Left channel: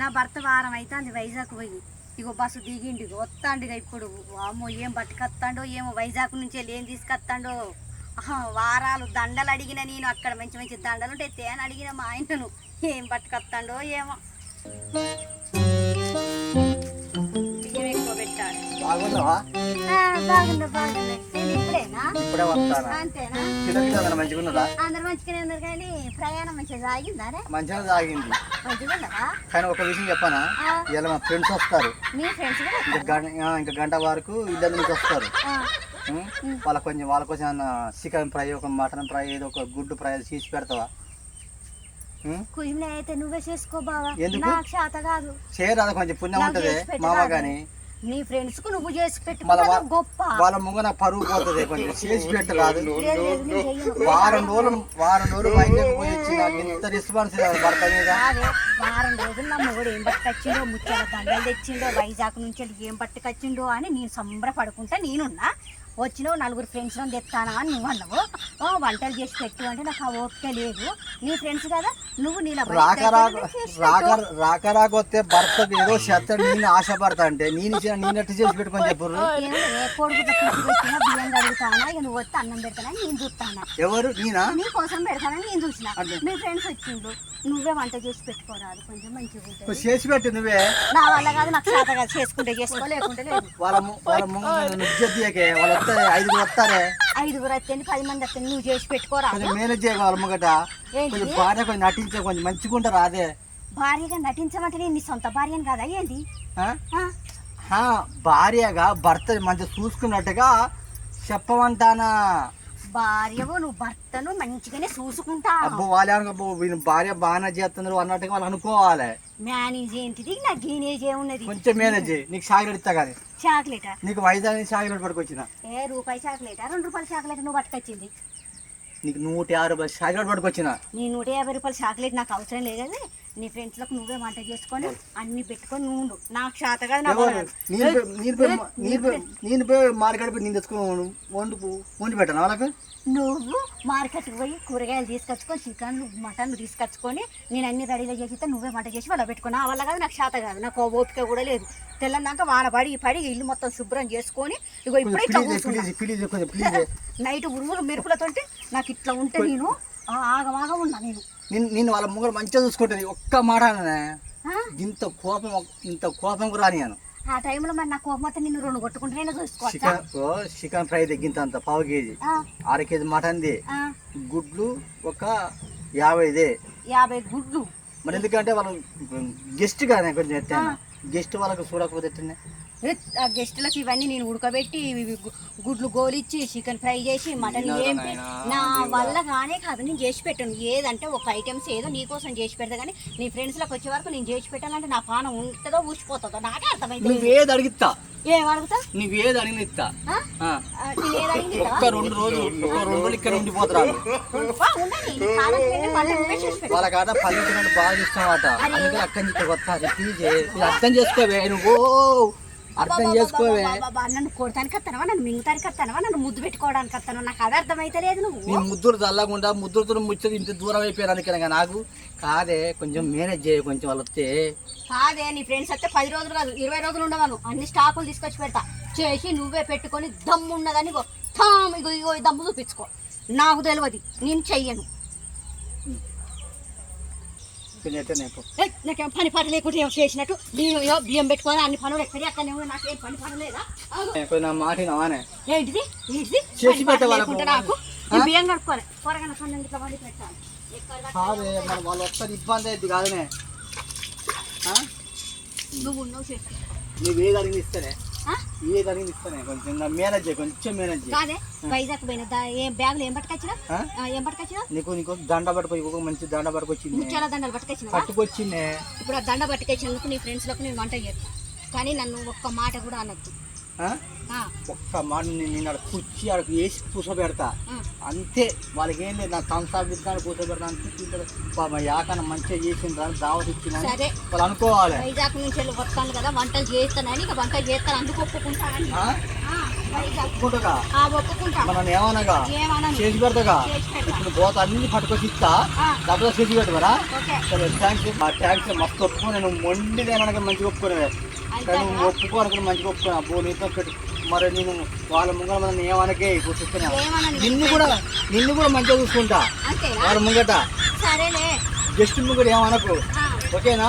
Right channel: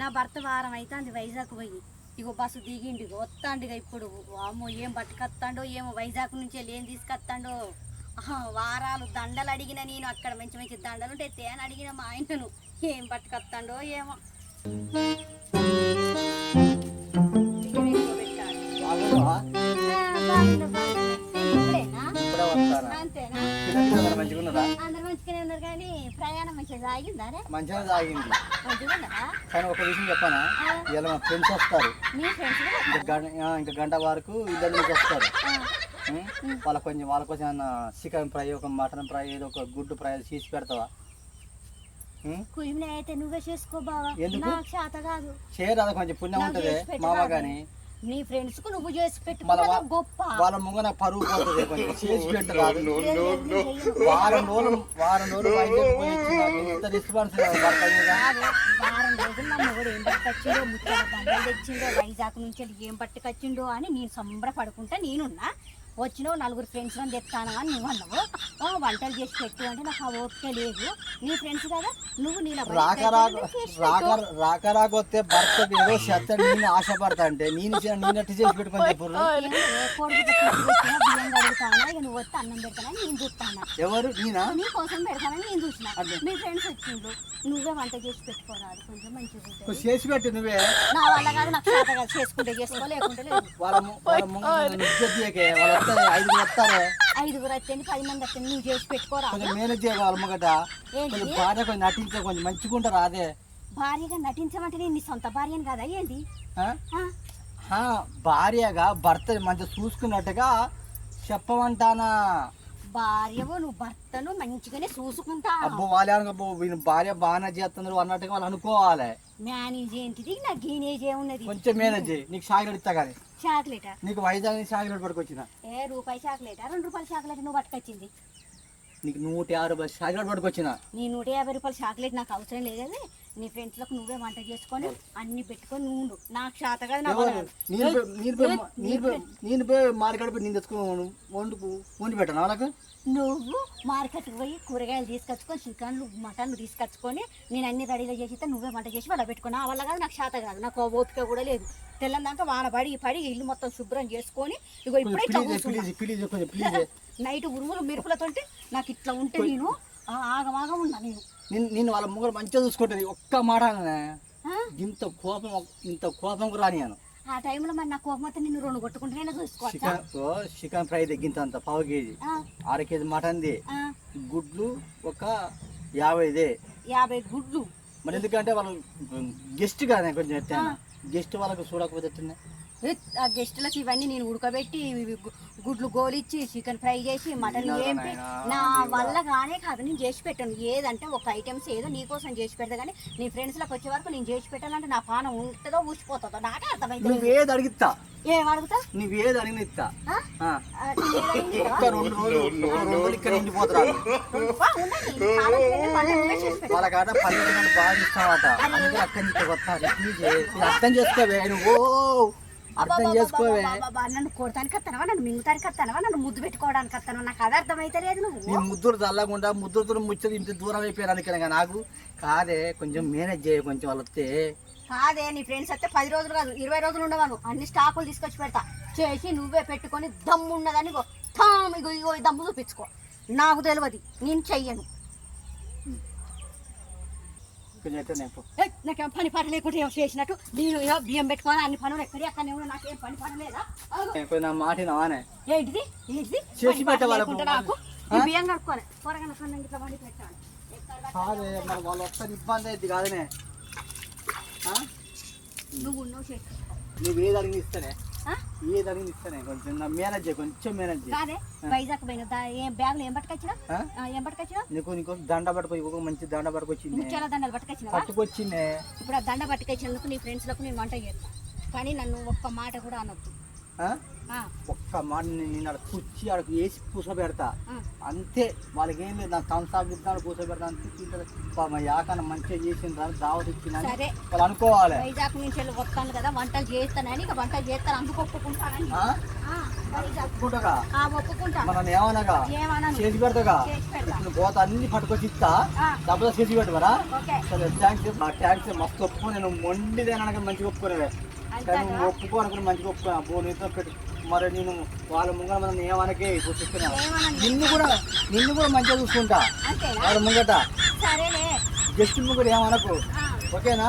నా భర్త వారం అయితే అది వైజాగ్ పోయి. ఇగో బస్సు దిగిండు వస్తాండుగా ఇప్పుడు. అమ్మో ఏం పట్టుకొస్తాడో ఏమో వైజాగ్ నుంచి వెళ్ళి ఏం తీసుకొస్తాడో వారాలు దండలు అడిగిన నేను అక్కడ మంచి మంచి దండలు ఉంటే తేని అడిగిన మా ఆయనను. ఏం పట్టుకొస్తాడో ఏమో. అంతేనా? అందరూ మంచిగా ఉన్నదా అందరు మంచిగానే ఉన్నారు కానీ ప్రయాణం మంచిగా సాగింది మంచిగా కానీ ఒక విషయం చెప్పనా? ఇలా మా ఫ్రెండ్స్ వస్తారు. ఇంకా గంట వరకు ఇద్దరు నుంచి వస్తారు? వాళ్ళ కొంచెం వాళ్ళ కోసం ఏమన్నా చికెన్ ఫ్రై ఒక మటన్ ఫ్రై ఏదో ఒక గుడ్డు ఫ్రై చేసి పెడతావా? అయితే నువ్వే చేసుకో బావా. ఎందుకు? చేయరాదు కొంచెం పుణ్యం ఉంటుంది. మామ. కానీ నీ ఫ్రెండ్స్కు నువ్వు చేసి పెట్టుకున్నా గొప్ప. వాళ్ళ ముంగ నాకు పరువు పోతుంది? వారం రోజులు వారం తెచ్చిండో వైజాగ్ నుంచి వెళ్ళి ఏం పట్టుకొచ్చిండో అని నేను సంబరపడుకుంటా నేనున్నా. వచ్చినావు నలుగురు ఫ్రెండ్స్ అని తెస్తానా అని నువ్వు అన్నావు. ఓ, వంటలు చేసి పెట్టు అంటే నాకు ఆ ఓపిక లేదు. నీ ఫ్రెండ్స్ కదా నువ్వు రాక రాక రాక రాక రాక వస్తే భర్త ఏదో శత్రుడు నేను ఆశపడతా అంటే నేను నేను ఎట్టు చేసి పెట్టుకొని చెప్పు. బియ్యం కడుగుతానా? ఇక నువ్వు వస్తే అన్నం పెడతానని నేను చూస్తాను. ఎవరు? నేనా? నీ కోసం పెడతానని నేను చూసిన. మీ ఫ్రెండ్స్ నువ్వే వంట చేసి పెట్టుకోరాదు కొంచెం చేసి పెట్టు నువ్వే. నా వల్ల కాదు నాకు చేసుకుంటే చేసుకో లేకుంటే లేదు. వాళ్ళ ఐదుగురు వస్తారే? ఐదుగురు వస్తేనే పది మంది వస్తే నువ్వు చేసి పెట్టుకోరా? కొంచెం మేనేజ్ కొంచెం భార్య కొంచెం నటించే కొంచెం మంచిగా ఉంటారు అదే. భార్యగా నటించమంటే నేను నీ సొంత భార్యను కదా? ఆ, భార్యగా భర్త మంచిగా చూసుకున్నట్టుగా చెప్పమంటానా? భార్యవు నువ్వు భర్తను మంచిగానే చూసుకుంటా అబ్బో వాళ్ళే అబ్బో వీళ్ళ భార్య బాగానే చేస్తున్నారు అన్నట్టుగా వాళ్ళు అనుకోవాలి. మేనేజ్ ఏంటిది? నాకు గీనేజ్ ఏమున్నది? కొంచెం మేనేజ్ నీకు చాక్లెట్ ఇస్తా కానీ. చాక్లెటా? నీకు వైజాగ్ చాక్లెట్ పట్టుకొచ్చిన. ఏ రూపాయి చాక్లెటా? రెండు రూపాయల చాక్లెట్ నువ్వు పట్టుకొచ్చింది. నీకు నూట యాభై రూపాయలు చాక్లెట్ పట్టుకొచ్చిన. నీ నూట యాభై రూపాయల చాక్లెట్ నాకు అవసరం లేదు కానీ నీ ఫ్రెండ్స్లకు నువ్వే వంట చేసుకొని అన్ని పెట్టుకొని నువ్వు ఉండు. నాకు చేత కాదు. నేను పోయి మార్కెట్ పోయి నేను తెచ్చుకొని వండు వండి పెట్టాను వాళ్ళకి? నువ్వు మార్కెట్కి పోయి కూరగాయలు తీసుకొచ్చుకొని చికెన్ మటన్ తీసుకొచ్చుకొని నేను అన్ని రెడీలో చేసిస్తే నువ్వే వంట చేసి వాళ్ళ పెట్టుకున్నా. వల్ల కాదు నాకు చేత కాదు. నాకు ఆ ఓపిక కూడా లేదు. తెల్లందాక వాన పడి పడి ఇల్లు మొత్తం శుభ్రం చేసుకొని ఇగో ఇప్పుడే ఇట్లా ప్లీజ్ కూర్చున్నా ప్లీజ్ ప్లీజ్ కొంచెం ప్లీజ్ నైట్ ఉరుములు మెరుపులతోటి నాకు ఇట్లా ఉంటే నేను ఆ ఆగమాగా ఉన్నా నేను. నేను నేను వాళ్ళ ముంగడు మంచిగా చూసుకుంటుంది. ఒక్క మాట? ఇంత కోపం ఇంత కోపం కూడా రానియాను ఆ టైంలో మరి నా కోపం వస్తే నిన్ను రెండు కొట్టుకుంటేనే చూసుకోవచ్చా? చికెన్ ఫ్రై తగ్గింత అంత పావు కేజీ. అర కేజీ మటన్ది గుడ్లు ఒక యాభైదే యాభై గుడ్లు. మరి ఎందుకంటే వాళ్ళు గెస్ట్ కదా కొంచెం ఎట్టైనా గెస్ట్ వాళ్ళకి చూడకపోతే ఎట్టనే ఆ గెస్టులకి ఇవన్నీ నేను ఉడకబెట్టి గుడ్లు గోలిచ్చి చికెన్ ఫ్రై చేసి మటన్ ఏం నా వల్ల కానే కాదు నేను చేసి పెట్టాను. ఏదంటే ఒక ఐటమ్స్ ఏదో నీకోసం చేసి పెడతా కానీ నీ ఫ్రెండ్స్లకు వచ్చే వరకు నేను చేసి పెట్టాలంటే నా పానం ఉంటుందో ఊసిపోతుందో నాకే అర్థమైంది నువ్వు ఏది అడిగిస్తా ఏం అడుగుతా? నువ్వు ఏది అడిగిన? ఇస్తా బాగా ఇస్తావట అక్కడి నుంచి అర్థం చేసుకోవే నువ్వు. అర్థం చేసుకోవే. నన్ను కొడతానికి వస్తానవా? నన్ను వస్తానవా? నన్ను ముద్దు పెట్టుకోవడానికి వస్తానవా? నాకు అది అర్థమైతే లేదు నువ్వు. నీ ముద్దురు చల్లకుండా ముద్దురుతో ముచ్చది ఇంత దూరం అయిపోయాను నాకు. కాదే కొంచెం మేనేజ్ చేయ కొంచెం వాళ్ళు వస్తే. కాదే నీ ఫ్రెండ్స్ అయితే పది రోజులు కాదు ఇరవై రోజులు ఉండవాను అన్ని స్టాకులు తీసుకొచ్చి పెడతా. చేసి నువ్వే పెట్టుకొని దమ్ము ఉన్నదని ఇగో ఇగో దమ్ము చూపించుకో. నాకు తెలియదు నేను చెయ్యను కొంచెం ఎట్టనే పో. ఏయ్, నాకేం. పని పాట ఏమో చేసినట్టు? నేను బియ్యం పెట్టుకొని అన్ని పనులు ఎక్కడి అక్కడనే ఉన్నా నాకేం పని పాట లేదా? మాట ఏంటిది? ఏంటిది? చేసి పని పాట పెట్టే వాళ్ళకు. లేకుంటే నాకు? బియ్యం కడుక్కోవాలి కూరగాయల పన్ను ఇట్లా వండి పెట్టాలి. వాళ్ళు వస్తారు ఇబ్బంది అయితే కాదనే? నువ్వు ఉన్నావు చేస్తా నువ్వు ఇస్తానే ఆ? ఏది అడిగి ఇస్తానే? కొంచెం నా మేనేజ్ చేయ కొంచెం మేనేజ్ చేయ. కాదే వైజాగ్ పోయిన దా- ఏం బ్యాగులు ఏం పట్టుకొచ్చినా ఆ? ఆ, ఏం పట్టుకొచ్చినా నీకు నీకు దండ పట్టుకో ఒక మంచి దండ పట్టుకొచ్చింది. ముత్యాల దండలు పట్టుకొచ్చినావా? పట్టుకొచ్చిందే. ఇప్పుడు ఆ దండ పట్టుకొచ్చినందుకు నీ ఫ్రెండ్స్లకు నేను వంట చేస్తాను కానీ నన్ను ఒక్క మాట కూడా అనొద్దు. ఒక్క మాట నేను నేను కుర్చీ ఆడ వేసి కూర్చోబెడతా. అంతే వాళ్ళకి ఏం లేదు నా కంసాబిద్దాలు కూర్చోబెడతా. అంతే పాప యాకన మంచిగా చేసిండ్రా దావత్ ఇచ్చిన వాళ్ళు అనుకోవాలి. వైజాగ్ నుంచి వెళ్ళి వస్తాను కదా వంటలు చేస్తానని ఇక వంటలు చేస్తాను అందుకు ఒప్పుకుంటా మనం ఏమనగా? చేసి పెడతాగా? ఇప్పుడు పోత అన్ని పట్టుకొచ్చి ఇస్తా. డబ్బులు చేసి సరే థ్యాంక్స్ మా థ్యాంక్స్ మస్తు ఒప్పుకో నేను మొండిదేనగా మంచిగా ఒప్పుకోనే అంతే కానీ నువ్వు ఒప్పుకో అనుకుని మంచిగా ఒప్పుకో. అబ్బో నీతో మరి నేను వాళ్ళ ముంగల మనం ఏమనకే ఇప్పుడు చెప్తున్నా నిన్ను కూడా నిన్ను కూడా మంచిగా చూసుకుంటా. వాళ్ళ ముంగట. జస్ట్ ముంగట ఏమనకు? ఓకేనా?